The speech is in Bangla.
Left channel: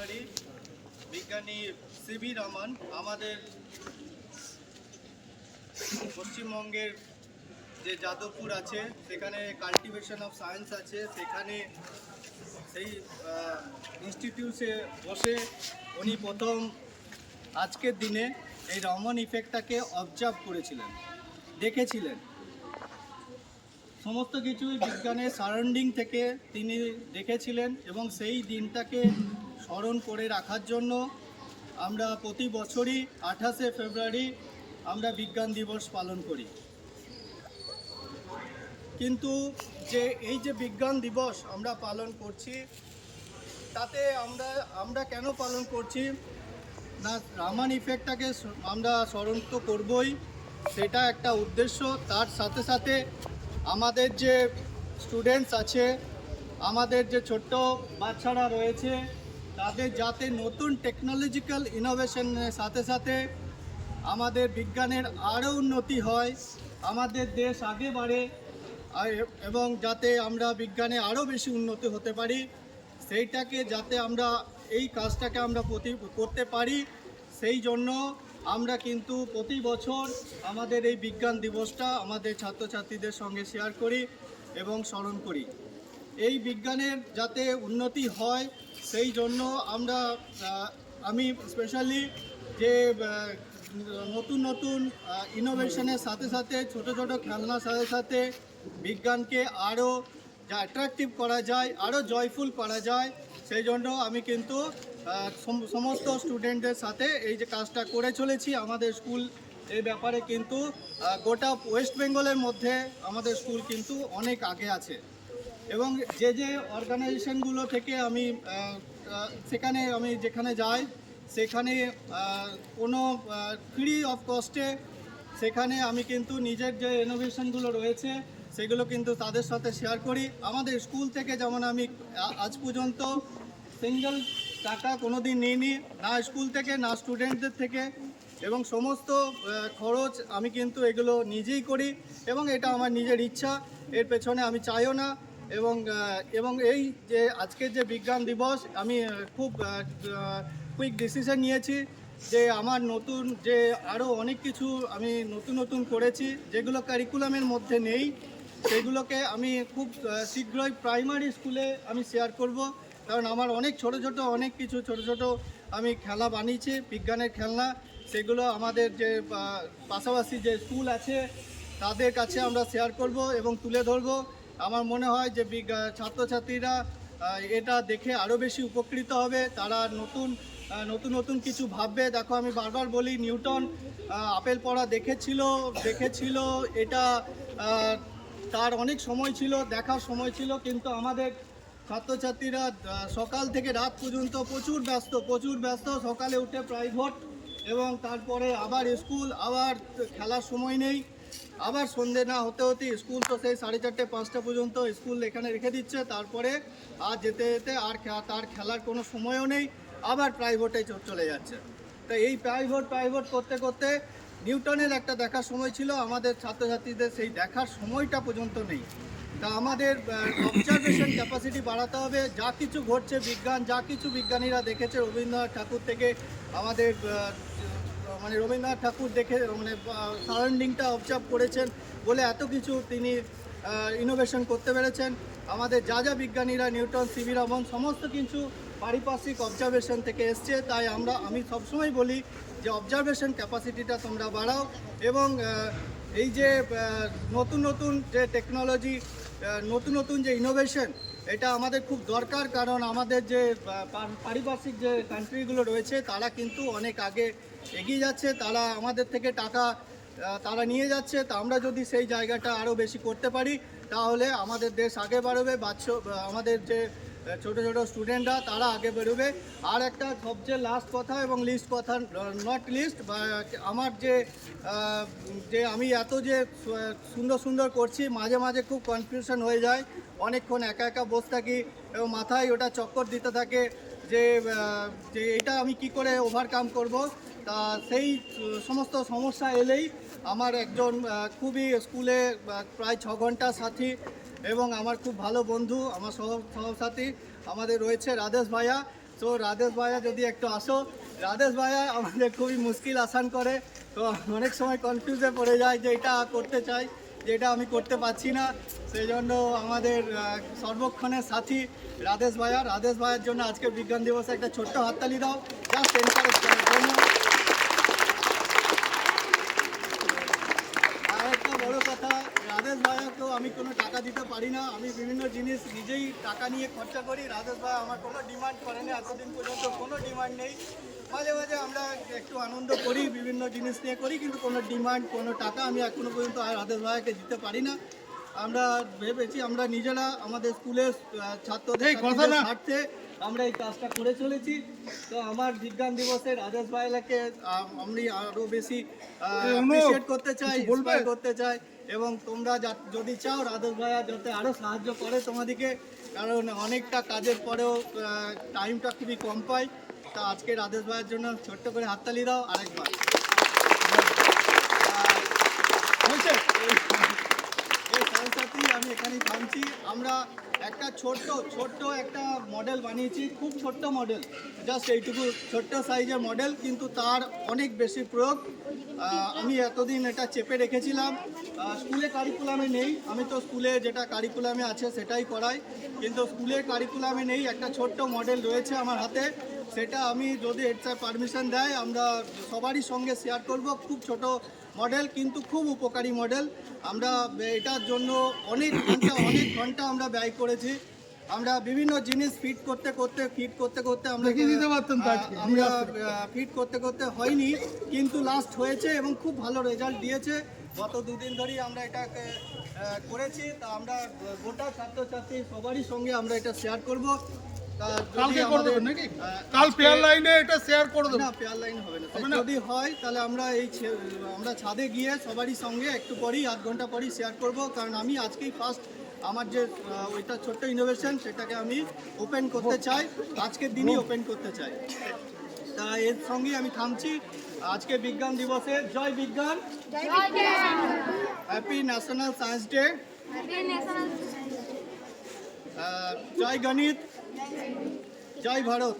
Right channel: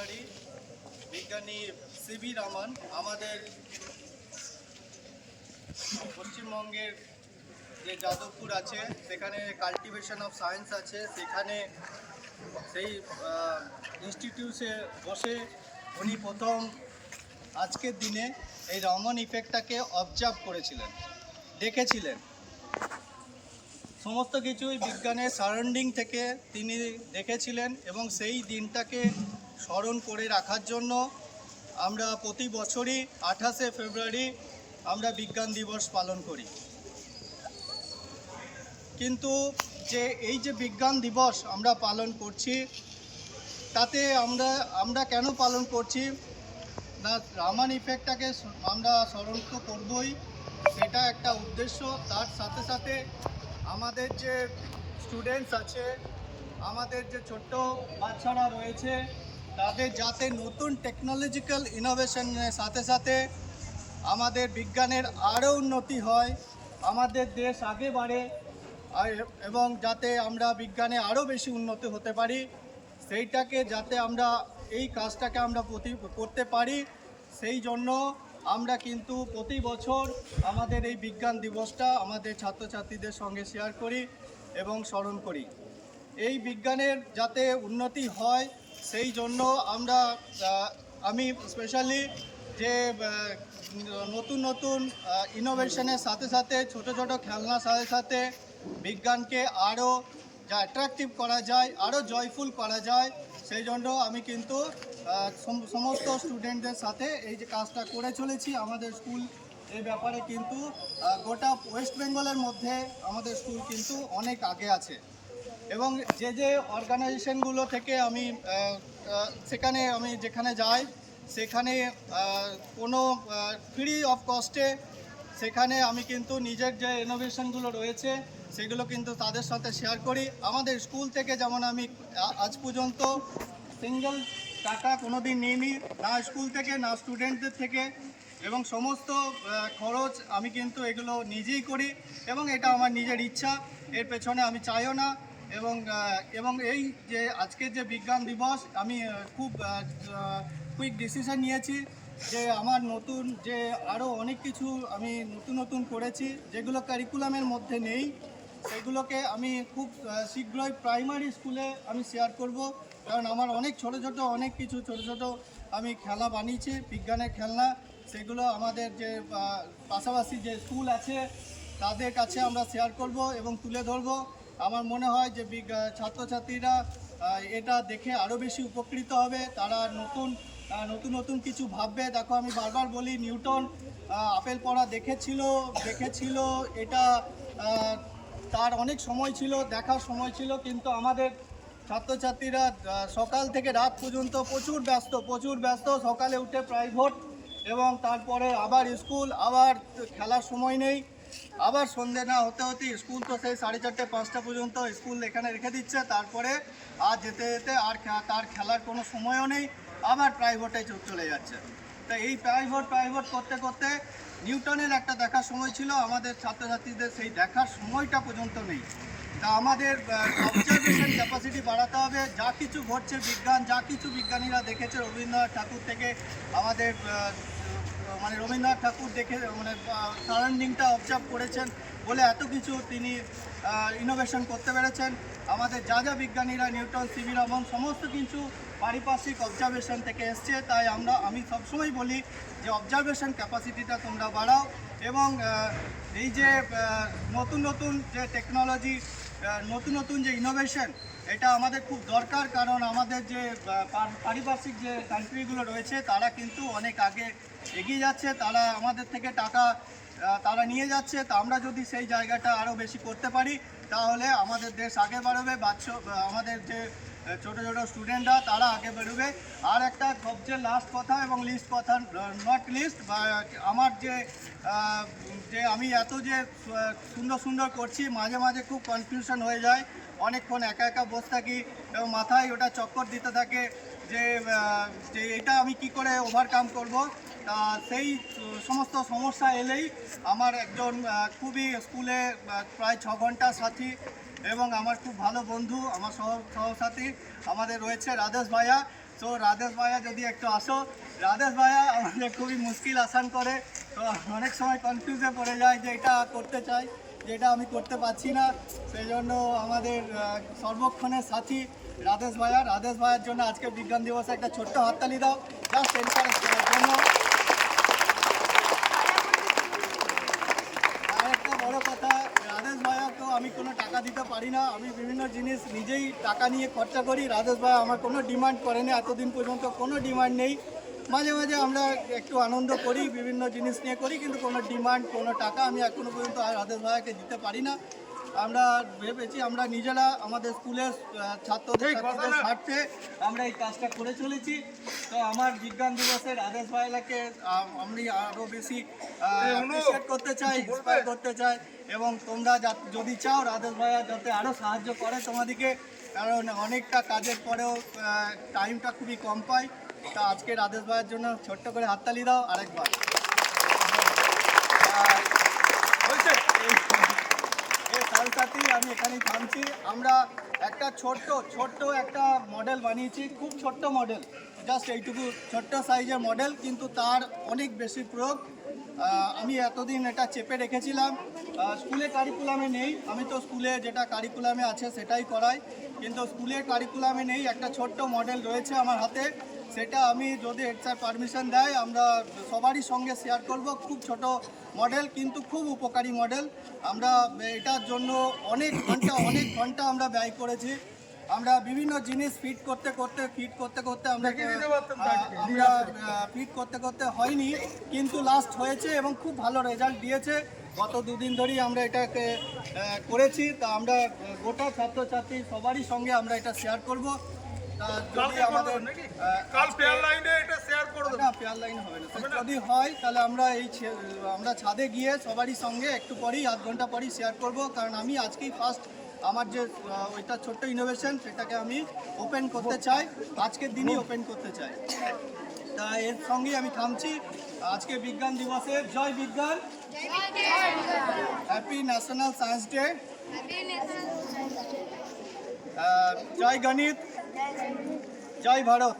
ফেব্রুয়ারি বিজ্ঞানী সিভি রমন আমাদের পশ্চিমবঙ্গের যে যাদবপুর আছে সেখানে কাল্টিভেশন অফ সায়েন্স আছে, সেখানে সেই ইনস্টিটিউটে বসে উনি প্রথম আজকের দিনে এই রমন ইফেক্টটাকে অবজার্ভ করেছিলেন, দেখেছিলেন। সমস্ত কিছুই বিজ্ঞানের সারাউন্ডিং থেকে তিনি দেখেছিলেন এবং সেই দিনটাকে স্মরণ করে রাখার জন্য আমরা প্রতি বছরই 28শে ফেব্রুয়ারি আমরা বিজ্ঞান দিবস পালন করি। কিন্তু এই যে বিজ্ঞান দিবস আমরা পালন করছি, তাতে আমরা কেন পালন করছি না, রমন ইফেক্টটাকে আমরা স্মরণ তো করবই, সেটা একটা উদ্দেশ্য। তার সাথে সাথে আমাদের যে স্টুডেন্টস আছে, আমাদের যে ছোট্ট বাচ্চারা রয়েছে, তাদের যাতে নতুন টেকনোলজিক্যাল ইনোভেশনের সাথে সাথে আমাদের বিজ্ঞানের আরও উন্নতি হয়, আমাদের দেশ আগে বাড়ে এবং যাতে আমরা বিজ্ঞানে আরও বেশি উন্নতি হতে পারি, সেইটাকে যাতে আমরা এই কাজটাকে আমরা করতে পারি, সেই জন্য আমরা কিন্তু প্রতি বছর আমাদের এই বিজ্ঞান দিবসটা আমাদের ছাত্রছাত্রীদের সঙ্গে শেয়ার করি এবং স্মরণ করি। এই বিজ্ঞানের যাতে উন্নতি হয় সেই জন্য আমি স্পেশালি যে নতুন নতুন ইনোভেশনের সাথে সাথে ছোট ছোট খেলনার সাথে সাথে বিজ্ঞানকে আরও যা অ্যাট্রাকটিভ করা যায়, আরও জয়ফুল করা যায়, সেই জন্য আমি কিন্তু সমস্ত স্টুডেন্টদের সাথে এই যে কাজটা করে চলেছি। আমাদের স্কুল এই ব্যাপারে কিন্তু গোটা ওয়েস্ট বেঙ্গলের মধ্যে আমাদের স্কুল কিন্তু অনেক আগে আছে এবং যে অর্গানাইজেশনগুলো থেকে সেখানে আমি যেখানে যাই সেখানে কোনো ফ্রি অফ কস্টে সেখানে আমি কিন্তু নিজের যে ইনোভেশনগুলো রয়েছে সেগুলো কিন্তু তাদের সাথে শেয়ার করি। আমাদের স্কুল থেকে যেমন আমি আজ পর্যন্ত সিঙ্গেল টাকা কোনো দিন নিইনি, না স্কুল থেকে না স্টুডেন্টদের থেকে, এবং সমস্ত খরচ আমি কিন্তু এগুলো নিজেই করি এবং এটা আমার নিজের ইচ্ছা, এর পেছনে আমি চাইও না। এবং এই যে আজকের যে বিজ্ঞান দিবস, আমি খুব কুইক ডিসিশন নিয়েছি যে আমার নতুন যে আরও অনেক কিছু আমি নতুন করেছি যেগুলো কারিকুলামের মধ্যে নেই, সেগুলোকে আমি খুব শীঘ্রই প্রাইমারি স্কুলে আমি শেয়ার করব। কারণ আমার অনেক ছোট ছোট আমি খেলা বানিয়েছি, বিজ্ঞানের খেলনা, সেগুলো আমাদের যে পাশাপাশি যে স্কুল আছে তাদের কাছে আমরা শেয়ার করব এবং তুলে ধরব। আমার মনে হয় যে ছাত্রছাত্রীরা এটা দেখে আরও বেশি উপকৃত হবে, তারা নতুন কিছু ভাববে। দেখো, আমি বারবার বলি, নিউটন আপেল পড়া দেখেছিল, এটা তার অনেক সময় ছিল, দেখার সময় ছিল, কিন্তু আমাদের ছাত্রছাত্রীরা সকাল থেকে রাত পর্যন্ত প্রচুর ব্যস্ত, সকালে উঠে প্রাইভেট এবং তারপরে আবার স্কুল, আবার খেলার সময় নেই, আবার সন্ধে না হতে স্কুল, তো সেই 4:30 5টা পর্যন্ত স্কুল এখানে রেখে দিচ্ছে, তারপরে আর যেতে আর তার খেলার কোনো সময়ও নেই, আবার প্রাইভেটে চলে যাচ্ছে। তো এই প্রাইভেট করতে করতে নিউটনের একটা দেখার সময় ছিল, আমাদের ছাত্রছাত্রীদের সেই দেখার সময়টা পর্যন্ত নেই। তা আমাদের অবজারভেশন ক্যাপাসিটি বাড়াতে হবে। যা কিছু ঘটছে যা কিছু বিজ্ঞানীরা দেখেছে, রবীন্দ্রনাথ ঠাকুর থেকে আমাদের রবীন্দ্রনাথ ঠাকুর দেখে সারাউন্ডিংটা অবজার্ভ করেছেন বলে এত কিছু তিনি ইনোভেশন করতে পেরেছেন। আমাদের যা বিজ্ঞানীরা নিউটন, সিভি রমন সমস্ত কিছু পারিপার্শ্বিক অবজারভেশন থেকে এসছে। তাই আমি সবসময় বলি যে অবজারভেশন ক্যাপাসিটিটা তোমরা বাড়াও এবং এই যে নতুন যে টেকনোলজি, নতুন যে ইনোভেশন, এটা আমাদের খুব দরকার। কারণ আমাদের যে পারিপার্শ্বিক যে কান্ট্রিগুলো রয়েছে তারা কিন্তু অনেক আগে এগিয়ে যাচ্ছে, তারা আমাদের থেকে টাকা তারা নিয়ে যাচ্ছে। তা আমরা যদি সেই জায়গাটা আরও বেশি করতে পারি তাহলে আমাদের দেশ আগে বাড়বে, আমাদের যে ছোট স্টুডেন্টরা তারা আগে বেরোবে। আর একটা সবচেয়ে লাস্ট কথা এবং লিস্ট কথা, নট লিস্ট, বা আমার যে আমি এত যে সুন্দর করছি, মাঝে খুব কনফিউশন হয়ে যায়, অনেকক্ষণ একা বসে থাকি এবং মাথায় ওটা চক্কর দিতে থাকে যে এটা আমি কি করে ওভারকাম করব। তা সেই সমস্ত সমস্যা এলেই আমার একজন খুবই স্কুলে প্রায় 6 ঘন্টা সাথী এবং আমার খুব ভালো বন্ধু, আমার সহসাথী আমাদের রয়েছে রাধেশ ভাইয়া, তো রাধেশ ভাইয়া যদি একটু আসো। রাধেশ ভাইয়া আমাদের খুবই মুশকিল আসান করে, তো অনেক সময় কনফিউজে পড়ে যায় যে এটা করতে চাই, যেটা আমি করতে পারছি না। সেই জন্য আমাদের সর্বক্ষণের সাথী রাধেশ ভাইয়া, রাধেশ ভাইয়ার জন্য আজকে বিজ্ঞান দিবসে একটা ছোট্ট হাততালি দাও জাস্ট এনকারেজ করার জন্য। আর একটা বড় কথা, রাধেশ ভাইয়াকেও আমি কোনো টাকা দিতে পারি না, আমি বিভিন্ন জিনিস নিজেই টাকা নিয়ে খরচা করি। রাধেশ ভাইয়া আমার কোনো ডিমান্ড করেনি, এতদিন পর্যন্ত কোনো ডিমান্ড নেই। মাঝে মাঝে আমরা একটু আনন্দ করি, বিভিন্ন জিনিস নিয়ে করি, কিন্তু কোনো ডিমান্ড কোনো টাকা আমি এখনো পর্যন্ত রাধেশ ভাইয়াকে দিতে পারি না। আমরা ভেবেছি আমরা নিজেরা আমাদের স্কুলের ছাত্রদের স্বার্থে আমরা এই কাজটা করে চলেছি। তো আমার বিজ্ঞান দিবসে রাধেশ ভাইয়াকে আমি আরও বেশি অ্যাপ্রিসিয়েট করতে চাই, ইন্সপায়ার করতে চাই, এবং তোমরা যদি চাও রাধেশ ভাইয়া যাতে আরও সাহায্য করে তোমাদেরকে, কারণ অনেকটা কাজের পরেও টাইমটা খুবই কম পাই। তা আজকে রাধেশ ভাইয়ের জন্য ছোট্ট করে হাততালি দাও আরেকবার। এই সাথে সাথেই আমি এখানেই থামছি। আমরা একটা ছোট্ট একটা মডেল বানিয়েছি, খুব ছোট্ট মডেল, জাস্ট এইটুকু ছোট্ট সাইজের মডেল, কিন্তু তার অনেক বেশি প্রয়োগ। আমি এতদিন এটা চেপে রেখেছিলাম, স্কুলে কারিকুলামে নেই, আমি তো স্কুলে যেটা কারিকুলামে আছে সেটাই করাই, কিন্তু স্কুলের কারিকুলামে নেই। একটা ছোট্ট মডেল রয়েছে আমার হাতে, সেটা আমি যদি হেড স্যার পারমিশন দেয় আমরা সবারই সঙ্গে শেয়ার করব। খুব ছোট মডেল কিন্তু খুব উপকারী মডেল। আমরা এটার জন্য অনেক ঘন্টা আমরা ব্যয় করেছি। আমরা বিভিন্ন জিনিস ফিট করতে করতে আমরা ফিট করতে হয়নি, কিন্তু লাস্ট হয়েছে এবং খুব ভালো রেজাল্ট দিয়েছে। গত দুদিন ধরেই আমরা এটাকে করেছি, তা আমরা গোটা ছাত্রছাত্রী সবারই সঙ্গে আমরা এটা শেয়ার করব। যদি আমাদের কাল পেয়ার লাইনে এটা শেয়ার করে দেব। না, পেয়ার লাইন হবে না, যদি হয় তাহলে আমরা ছাদে গিয়ে সবারই সঙ্গে একটু পরেই আধ ঘন্টা পরেই শেয়ার করব, কারণ আমি আজকেই ফার্স্ট আমার যে ওইটা ছোট্ট ইনোভেশন সেটাকে আমি ওপেন করতে চাই, আজকের দিনই ওপেন করতে চাই। তা এর সঙ্গেই আমি থামছি। আজকে বিজ্ঞান দিবসে জয় বিজ্ঞান, হ্যাপি ন্যাশনাল সায়েন্স ডে, জয় গণিত, জয় ভারত।